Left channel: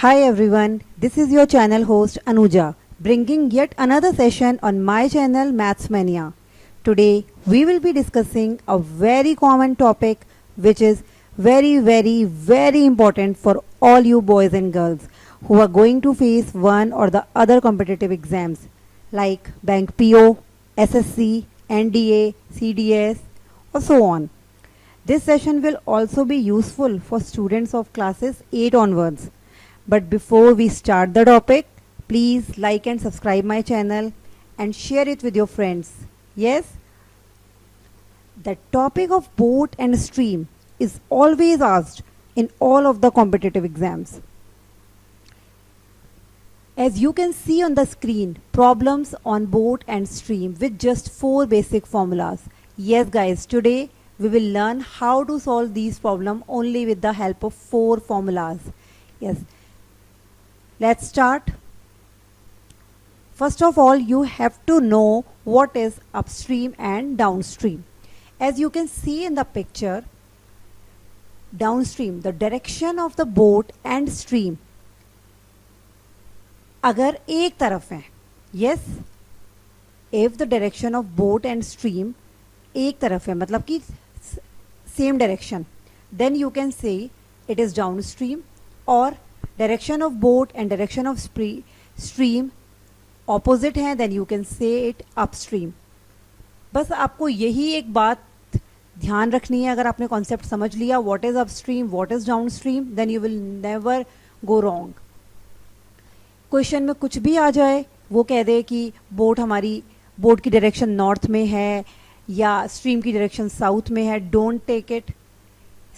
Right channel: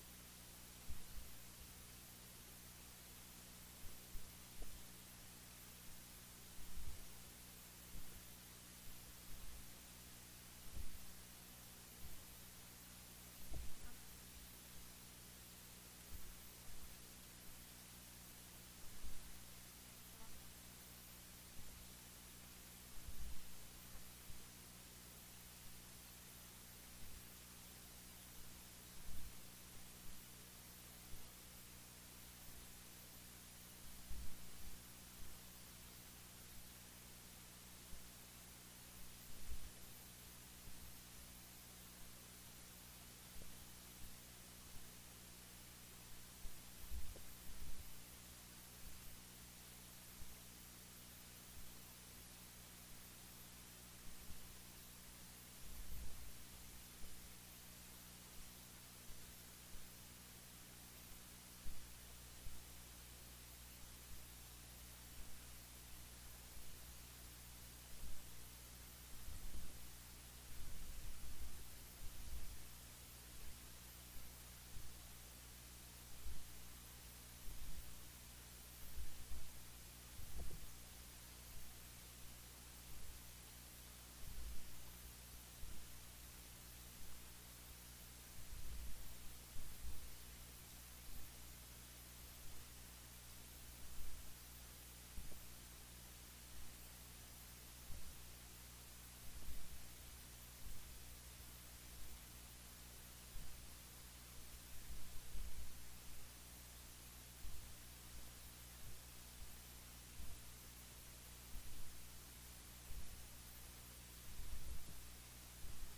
Hi everyone, this is your channel host Anuja, bringing yet another session on my channel Maths Mania. Today we will be discussing a very common topic which is very important for all you boys and girls who are going to face one or the other competitive exams like Bank PO, SSC, NDA, CDS or so on. This session will also be useful for students of classes 8 onwards. But before we start the topic, please like and subscribe my channel and share it with your friends. Yes, the topic of boat and stream is always asked in all of the competitive exams. As you can see on the screen, problems on boat and stream with just 4 basic formulas. Yes guys, today we will learn how to solve these problems only with the help of 4 formulas. Yes. Let's start. First of all, you have to know what is upstream and downstream. As you can see in the picture, downstream, the direction of the boat and stream अगर एक तरफ है, yes, if the direction of boat and stream एक तरफ है, मतलब कि same direction, then you can say it is downstream, or direction of boat and direction of stream opposite हैं, then you can say it upstream. बस आपको यही एक बात ध्यान रखनी है. अगर आपने कॉन्सेप्ट समझ लिया what is upstream, what is downstream, then you will never go wrong. Question में कुछ भी आ जाए, वो कह दे कि बोट की डायरेक्शन नॉर्थ में है या स्ट्रीम की डायरेक्शन साउथ में है, डोंट टेक इट.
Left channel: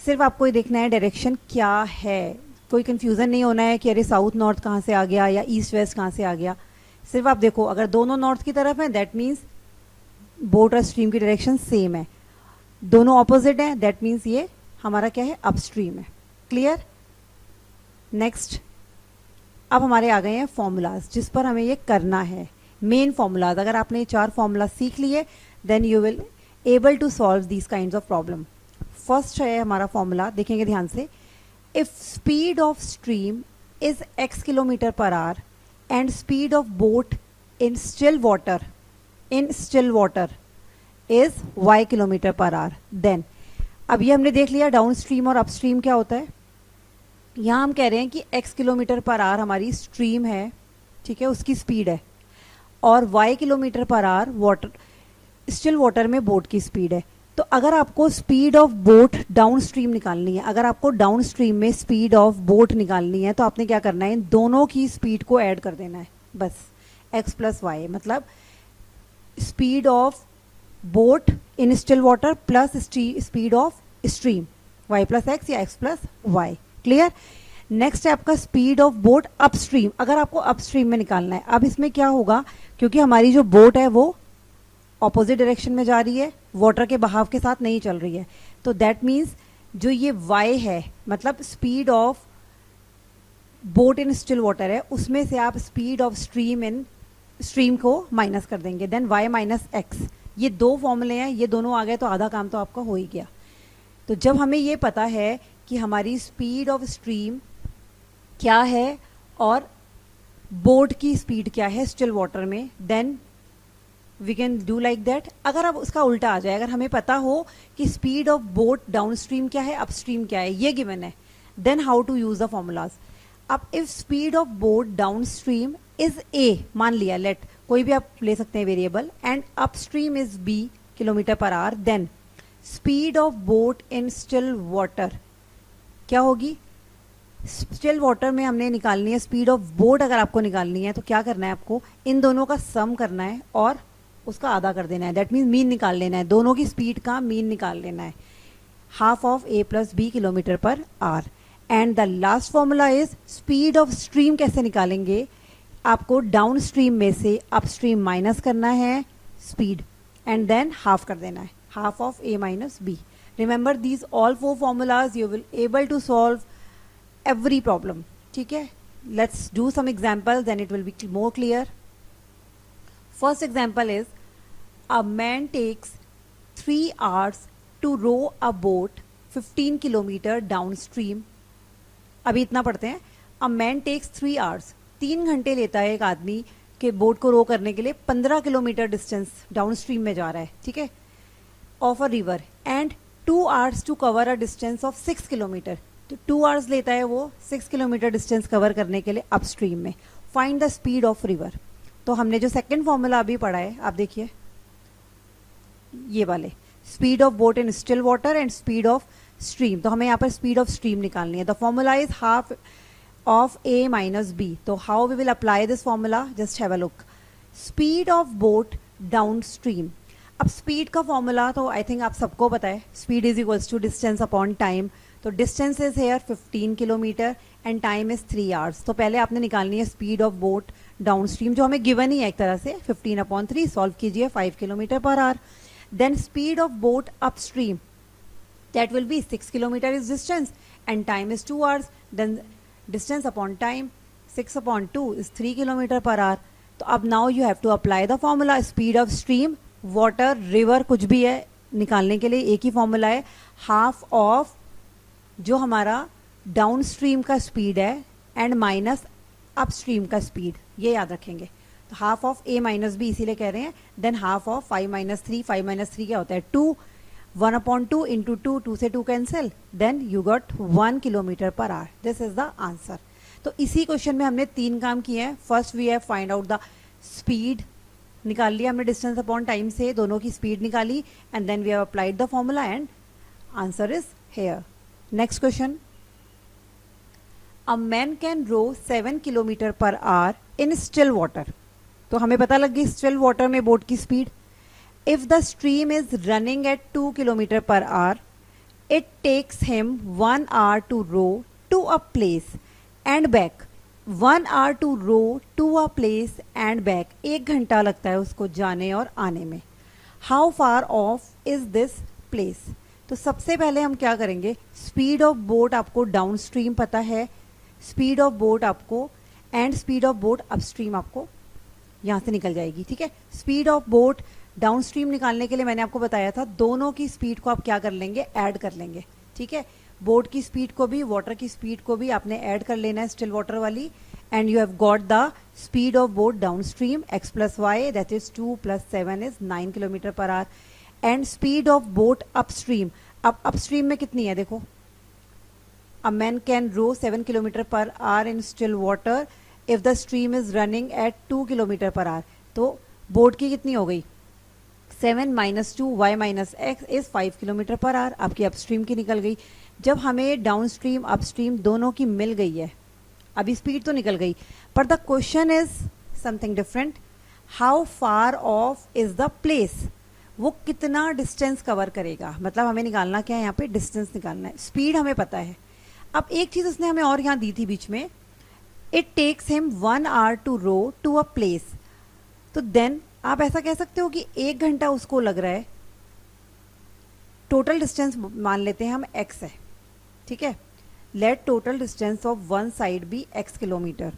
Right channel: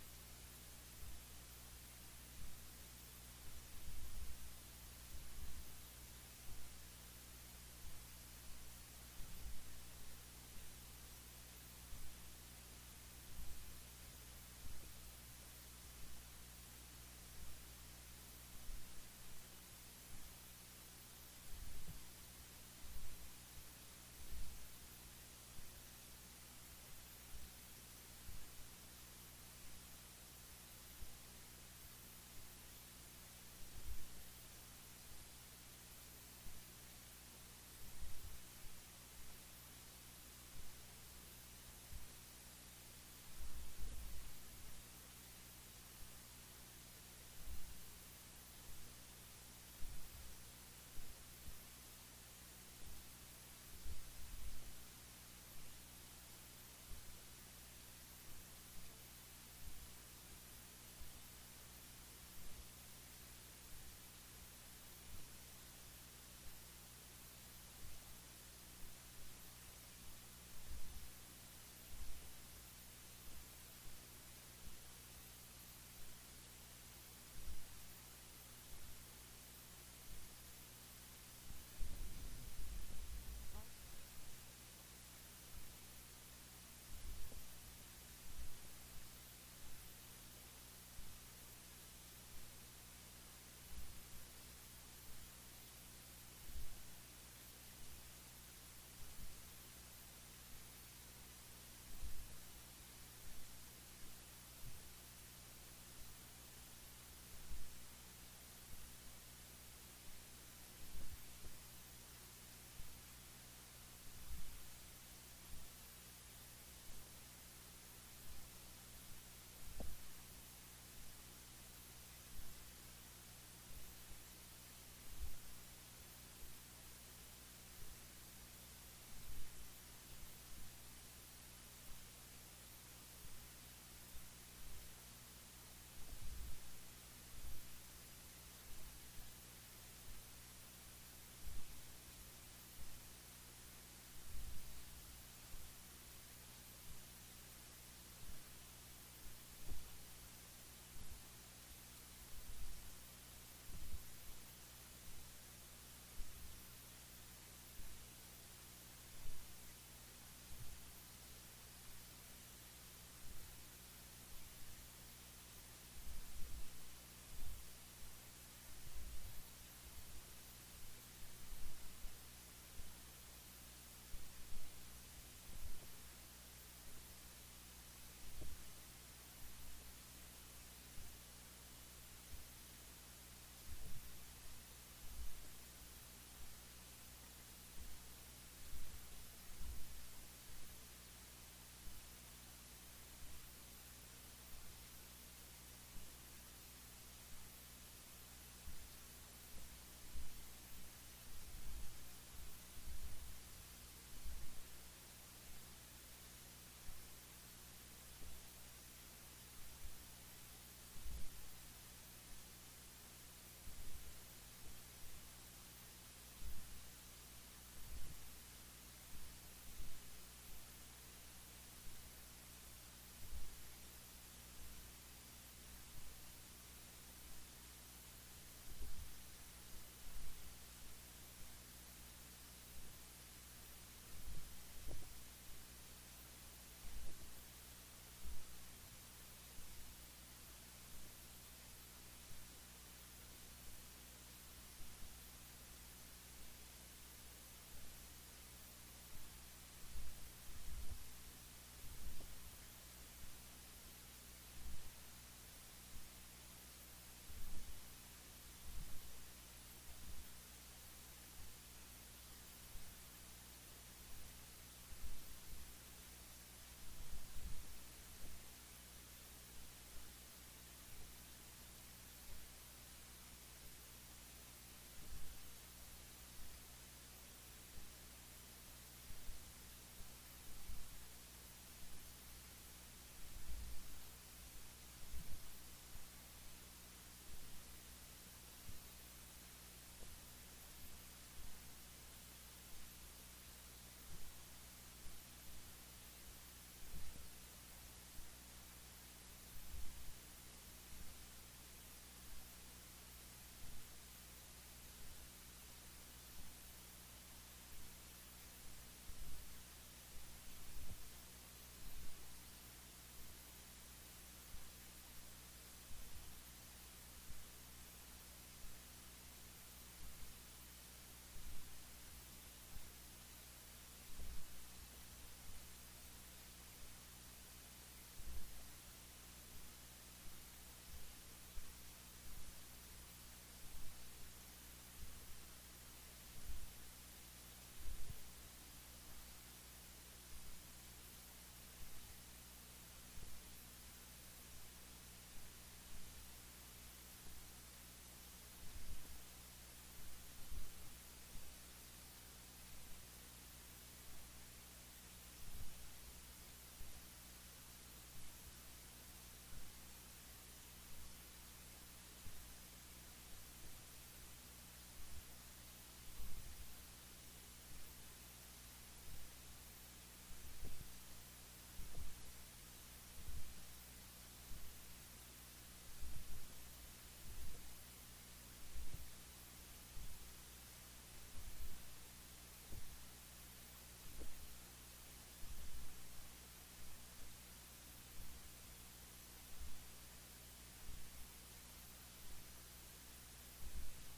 सिर्फ आपको ये देखना है डायरेक्शन क्या है. कोई कंफ्यूजन नहीं होना है कि अरे साउथ नॉर्थ कहाँ से आ गया या ईस्ट वेस्ट कहाँ से आ गया. सिर्फ आप देखो, अगर दोनों नॉर्थ की तरफ हैं दैट मीन्स बोट और स्ट्रीम की डायरेक्शन सेम है. दोनों ऑपोजिट हैं दैट मीन्स ये हमारा क्या है, अपस्ट्रीम है. क्लियर. नेक्स्ट, अब हमारे आ गए हैं फॉर्मूलाज जिस पर हमें ये करना है. मेन फॉर्मूलाज, अगर आपने ये 4 फॉर्मूला सीख लिए then you will able to solve these kinds of problem. First है हमारा फॉर्मूला, देखेंगे ध्यान से. If speed of stream is x kilometer per hour and speed of boat in still water is y kilometer per hour, then अब ये हमने देख लिया डाउन स्ट्रीम और अपस्ट्रीम क्या होता है. यहाँ हम कह रहे हैं कि x किलोमीटर पर आवर हमारी स्ट्रीम है, ठीक है, उसकी स्पीड है, और y kilometre per our still water में बोट की स्पीड है. तो अगर आपको speed of boat down stream निकालनी है, अगर आपको डाउन स्ट्रीम में स्पीड ऑफ बोट निकालनी है, तो आपने क्या करना है, इन दोनों की स्पीड को ऐड कर देना है. बस x प्लस वाई, मतलब speed of boat in still water plus speed of stream, y plus x या x plus y. Clear. Next है आपका स्पीड ऑफ बोट अपस्ट्रीम. अगर आपको अपस्ट्रीम में निकालना है, अब इसमें क्या होगा, क्योंकि हमारी जो बोट है वो ऑपोजिट डायरेक्शन में जा रही है, वाटर के बहाव के साथ नहीं चल रही है, तो दैट मीन्स जो ये y है, मतलब speed of boat in still water है, उसमें से आप स्पीड ऑफ स्ट्रीम को माइनस कर देंगे, देन y माइनस एक्स. ये 2 फॉर्मूले हैं, ये दोनों आ गए तो आधा काम तो आपका हो ही गया. तो जब हमें ये पता है कि हमारी स्पीड ऑफ स्ट्रीम क्या है और बोट की स्पीड क्या है स्टिल वाटर में, then we can do like that. अगर अब उसका उल्टा आ जाए, अगर हमें पता हो कि speed of boat down stream क्या है, अपस्ट्रीम क्या है, ये गिवन है, then how to use the formulas. अब if speed of boat down stream is a, मान लिया, लेट कोई भी आप ले सकते हैं variable, and upstream is b kilometre per hour, then speed of boat in still water क्या होगी. स्टिल वाटर में हमने निकालनी है स्पीड ऑफ बोट. अगर आपको निकालनी है तो क्या करना है, आपको इन दोनों का सम करना है और उसका आधा कर देना है. दैट मीन्स मीन निकाल लेना है, दोनों की स्पीड का मीन निकाल लेना है. Half of a plus b kilometre per hour. And the last formula is speed of stream. कैसे निकालेंगे, आपको डाउन स्ट्रीम में से अपस्ट्रीम माइनस करना है स्पीड एंड देन हाफ कर देना है, half of a minus b. Remember these all 4 formulas, you will able to solve every problem. ठीक है, let's do some examples then it will be more clear. First example is a man takes 3 hours to row a boat 15 kilometre downstream. अभी इतना पढ़ते हैं. A man takes 3 hours, 3 घंटे लेता है एक आदमी के बोट को रो करने के लिए 15 किलोमीटर डिस्टेंस डाउन स्ट्रीम में जा रहा है, ठीक है, of a river, and 2 hours to cover a distance of 6 kilometre. तो 2 आवर्स लेता है वो 6 किलोमीटर डिस्टेंस कवर करने के लिए अपस्ट्रीम में। Find the speed of river. तो हमने जो सेकंड फॉर्मूला अभी पढ़ा है, आप देखिए ये वाले, speed of boat in still water and speed of stream. तो हमें यहाँ पर स्पीड ऑफ स्ट्रीम निकालनी है। The formula is half of a minus b। तो how we will apply this formula, just have a look. Speed of boat down stream. अब speed का formula तो आई थिंक आप सबको पता है, speed is equals to distance upon time. तो distance is here 15 kilometre and time is 3 hours. तो पहले आपने निकालनी है speed of boat down stream, जो हमें गिवन ही है एक तरह से, 15/3, सॉल्व कीजिए, 5 kilometre per hour. Then speed of boat upstream, that will be 6 kilometer is distance and time is 2 hours, then distance upon time 6/2 is 3 kilometer per hour. तो अब now you have to apply the formula, speed of stream, water, river, कुछ भी है निकालने के लिए एक ही formula है, हाफ ऑफ जो हमारा डाउन स्ट्रीम का स्पीड है एंड माइनस अप स्ट्रीम का स्पीड, ये याद रखेंगे। तो half of a minus b इसीलिए कह रहे हैं। Than half of 5 minus 3, 5 minus 3 क्या होता है 2, 1/2 इंटू 2, 2 से 2 cancel, then you got 1 kilometre per hour. This is the answer. तो इसी क्वेश्चन में हमने 3 काम किए हैं। First we have find out the speed, निकाल लिया हमने डिस्टेंस अपॉन टाइम से, दोनों की स्पीड निकाली, and then we have applied the formula and answer is here. Next question, a man can row 7 kilometre per hour in still water. तो हमें पता लग गई स्टिल वाटर में बोट की speed. If the stream is running at 2 kilometer per hour, it takes him 1 hour to row to a place and back. 1 hour to row to a place and back. 1 घंटा लगता है उसको जाने और आने में। How far off is this place? तो सबसे पहले हम क्या करेंगे, स्पीड ऑफ बोट आपको डाउन स्ट्रीम पता है, स्पीड ऑफ बोट आपको and speed of boat upstream आपको यहाँ से निकल जाएगी, ठीक है। Speed of boat down stream निकालने के लिए मैंने आपको बताया था दोनों की स्पीड को आप क्या कर लेंगे, ऐड कर लेंगे, ठीक है। बोट की स्पीड को भी वाटर की स्पीड को भी आपने ऐड कर लेना है, स्टिल वाटर वाली, and you have got the speed of boat down stream x plus y, that is 2 + 7 is 9 kilometre per hour, and speed of boat upstream. अब अपस्ट्रीम में कितनी है देखो, a man can row 7 kilometre per hour in still water if the stream is running at 2 kilometre per hour. तो बोट की कितनी हो गई, 7 - 2 y - x is 5 kilometre per our. आपकी अपस्ट्रीम की निकल गई। जब हमें डाउन स्ट्रीम अपस्ट्रीम दोनों की मिल गई है, अभी स्पीड तो निकल गई, पर the question is something different, how far of is the place, वो कितना डिस्टेंस कवर करेगा। मतलब हमें निकालना क्या है, यहाँ पे डिस्टेंस निकालना है, स्पीड हमें पता है। अब एक चीज उसने हमें और यहाँ दी थी बीच में, it takes him 1 hour to row to a place. तो देन आप ऐसा कह सकते हो कि 1 घंटा उसको लग रहा है, टोटल डिस्टेंस मान लेते हैं हम x है, ठीक है। Let total distance of one side be x kilometre.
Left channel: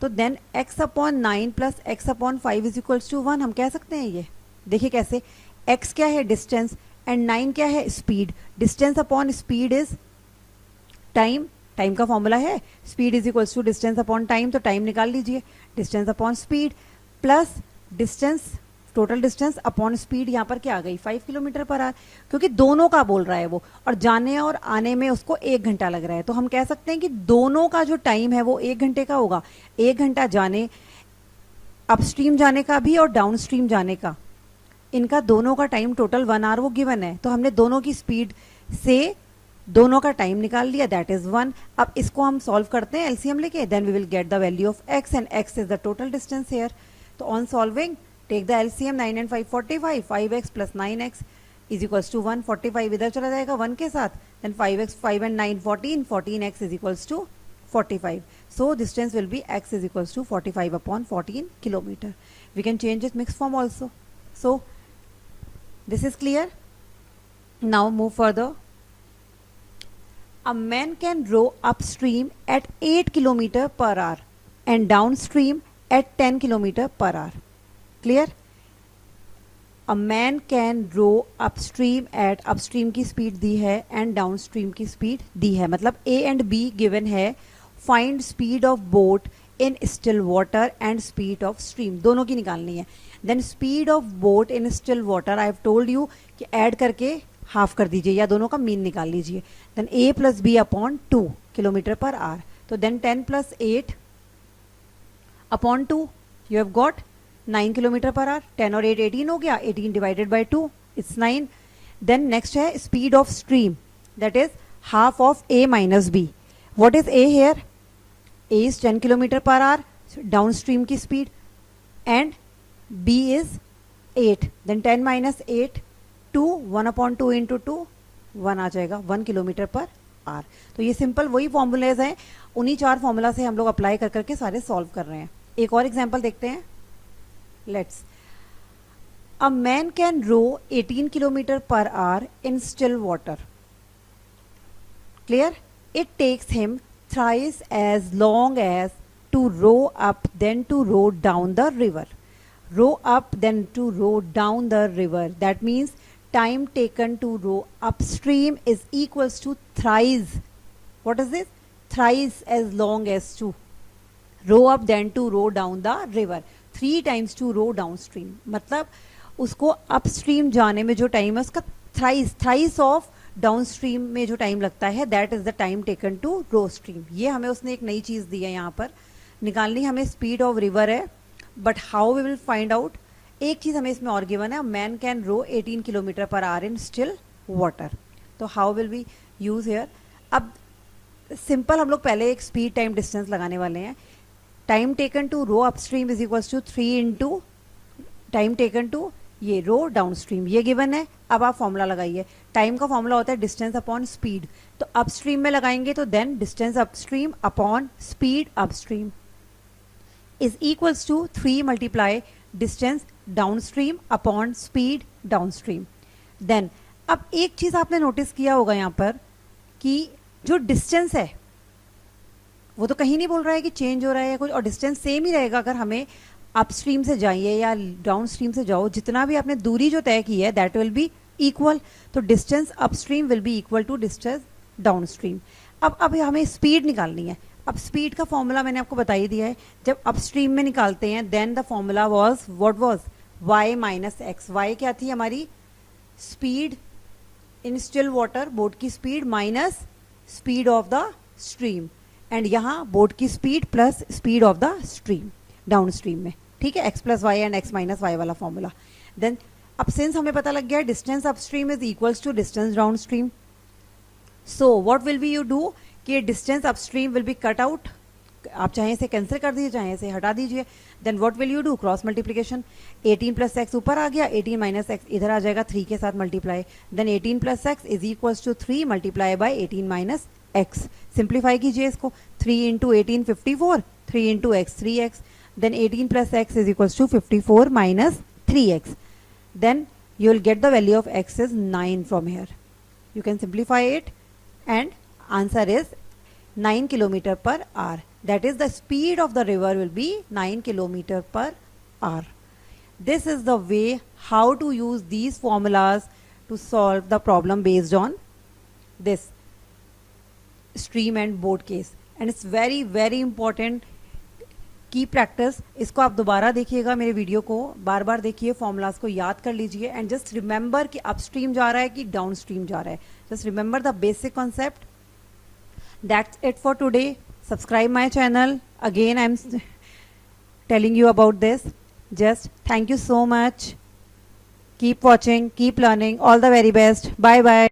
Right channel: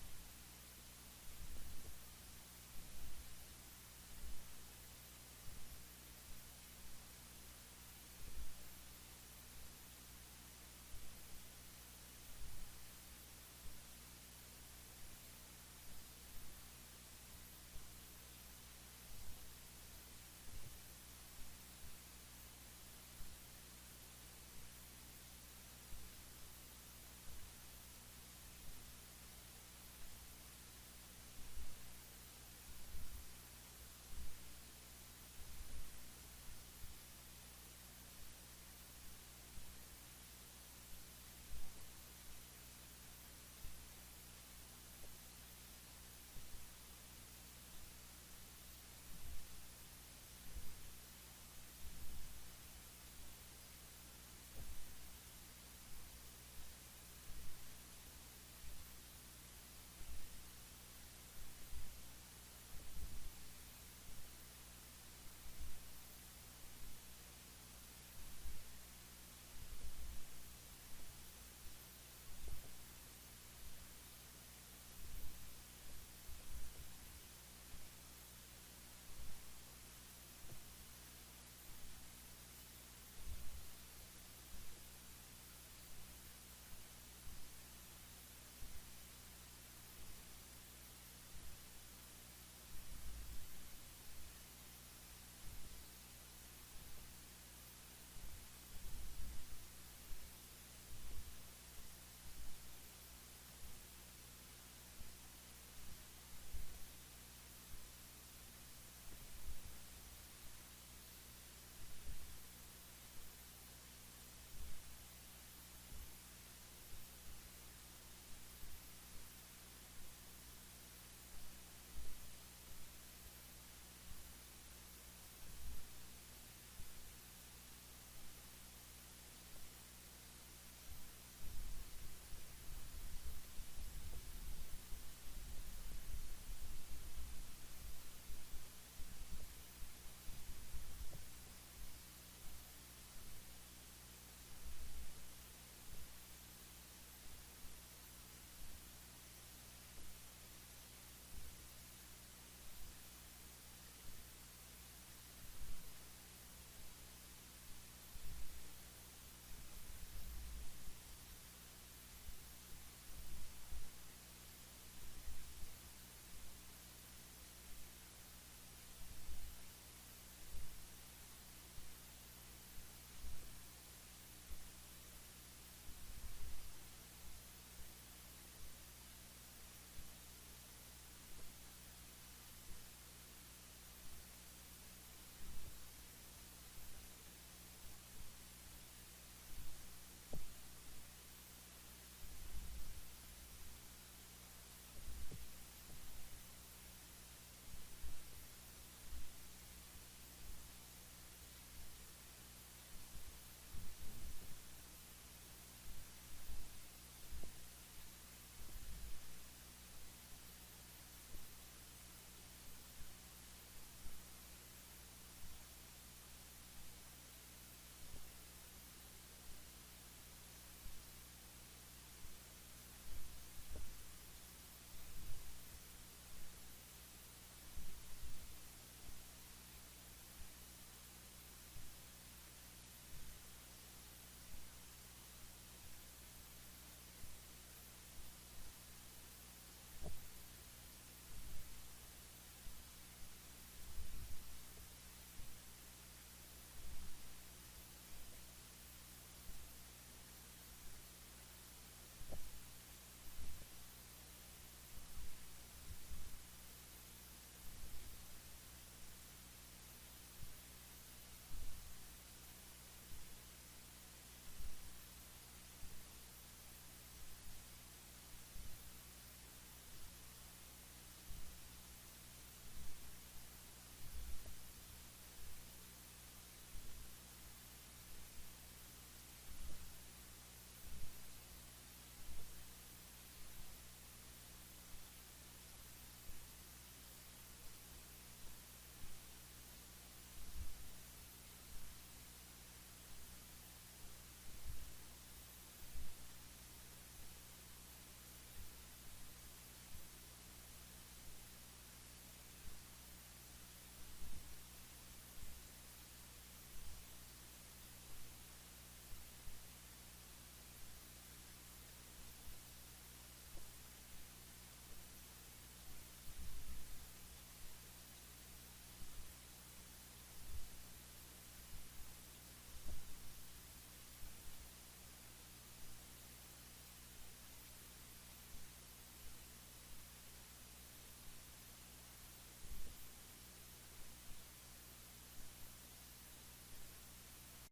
तो then x/9 + x/5 is equals to 1, हम कह सकते हैं ये। देखिए कैसे, x क्या है डिस्टेंस एंड 9 क्या है speed. Distance upon speed is time, time का फॉर्मूला है speed is equals to distance upon time, तो टाइम निकाल लीजिए, distance upon speed plus distance, total distance upon speed, यहाँ पर क्या आ गई 5 किलोमीटर पर आवर, क्योंकि दोनों का बोल रहा है वो, और जाने और आने में उसको 1 घंटा लग रहा है। तो हम कह सकते हैं कि दोनों का जो टाइम है वो 1 घंटे का होगा। 1 घंटा जाने, अपस्ट्रीम जाने का भी और डाउन स्ट्रीम जाने का, इनका दोनों का टाइम टोटल 1 hour वो गिवन है। तो हमने दोनों की स्पीड से दोनों का टाइम निकाल लिया, दैट इज 1। अब इसको हम सॉल्व करते हैं एलसीएम लेके, then we will get the value of x and x is the total distance here. तो on solving take the LCM, 9 and 5 45, 5x + 9x is equals to 1, 45 इधर चला जाएगा 1 के साथ, then 5x, 5 and 9 14, 14x is equals to 45। So distance will be x is equals to 45/14 kilometre. We can change it mix form also. So this is clear. Now move further. A man can row upstream at 8 km per hour and downstream at 10 km per hour. Clear? A man can row upstream at, upstream की speed दी है and downstream की speed दी है, मतलब A and B given है find speed of boat in still water and speed of stream, दोनों की निकालनी है. Then speed of boat in still water, I have told you कि ऐड करके हाफ कर दीजिए या दोनों का मीन निकाल लीजिए. Then a plus b upon 2 kilometre per hour. तो then 10 plus 8 upon 2, you have got 9 kilometre per hour. 10 और 8 18 हो गया, 18 divided by 2 it's 9. Then next है speed of stream, that is half of a minus b. What is a here? a is 10 kilometre per hour, downstream की speed, and b is 8. Then 10 minus 8 2, 1 upon 2 into 2 1 आ जाएगा 1 kilometre per hour. तो ये simple वही formulas हैं, उन्हीं 4 formula से हम लोग अप्लाई कर करके सारे सॉल्व कर रहे हैं. एक और एग्जांपल देखते हैं. Let's, a man can row 18 kilometre per hour in still water. Clear? It takes him thrice as long as to row up then to row down the river. Row up then to row down the river. That means time taken to row upstream is equals to thrice. What is this? Thrice as long as to row up then to row down the river. 3 times to row downstream. मतलब उसको upstream जाने में जो time है उसका thrice of down stream में जो time लगता है, that is the time taken to row stream. ये हमें उसने एक नई चीज दी है यहाँ पर. निकालनी हमें स्पीड ऑफ रिवर है, but how we will find out. एक चीज हमें इसमें और गिवन है, man can row 18 kilometre per hour in still water. तो how will we use here? अब सिंपल हम लोग पहले एक स्पीड टाइम डिस्टेंस लगाने वाले हैं. Time taken to row upstream is equals to 3 into time taken to ये रो डाउन स्ट्रीम. ये गिवन है. अब आप फॉर्मूला लगाइए. टाइम का फॉर्मूला होता है डिस्टेंस अपॉन स्पीड. तो अपस्ट्रीम में लगाएंगे तो then distance upstream upon speed upstream is equals to 3 multiply distance downstream upon speed downstream. Then अब एक चीज आपने नोटिस किया होगा यहाँ पर कि जो डिस्टेंस है वो तो कहीं नहीं बोल रहा है कि चेंज हो रहा है या कुछ, और डिस्टेंस सेम ही रहेगा. अगर हमें अपस्ट्रीम से जाइए या डाउन स्ट्रीम से जाओ, जितना भी आपने दूरी जो तय की है दैट विल बी इक्वल. तो distance upstream will be equal to distance downstream. अब हमें स्पीड निकालनी है. अब स्पीड का फॉर्मूला मैंने आपको बता ही दिया है. जब अपस्ट्रीम में निकालते हैं then the formula was what was y minus x. y क्या थी हमारी? Speed in still water, boat की speed minus speed of the stream, and यहाँ बोट की speed plus speed of the stream downstream में. ठीक है, x plus y and x minus y वाला फॉर्मूला. देन अब सिंस हमें पता लग गया distance upstream is equals to distance downstream, so what will be you do कि distance upstream will B cut out. आप चाहे इसे कैंसिल कर दीजिए, चाहे इसे हटा दीजिए. Then what will you do? Cross multiplication. 18 plus x ऊपर आ गया, 18 माइनस एक्स इधर आ जाएगा 3 के साथ multiply. Then 18 plus x is equals to 3 multiply by 18 minus x. Simplify कीजिए इसको. 3 into 18 54, 3 into x 3x. then 18 plus x is equals to 54 minus 3x. Then you will get the value of x is 9 from here. You can simplify it and answer is 9 kilometer per hour. That is the speed of the river will be 9 kilometer per hour. This is the way how to use these formulas to solve the problem based on this stream and boat case. And it's very very important की practice. इसको आप दोबारा देखिएगा, मेरे video को बार बार देखिए, formulas को याद कर लीजिए एंड जस्ट रिमेंबर कि अपस्ट्रीम जा रहा है कि डाउन स्ट्रीम जा रहा है. Just remember the basic concept. That's it for today. Subscribe my channel. Again I am telling you about this. Just thank you so much. Keep watching, keep learning. All the very best. Bye bye.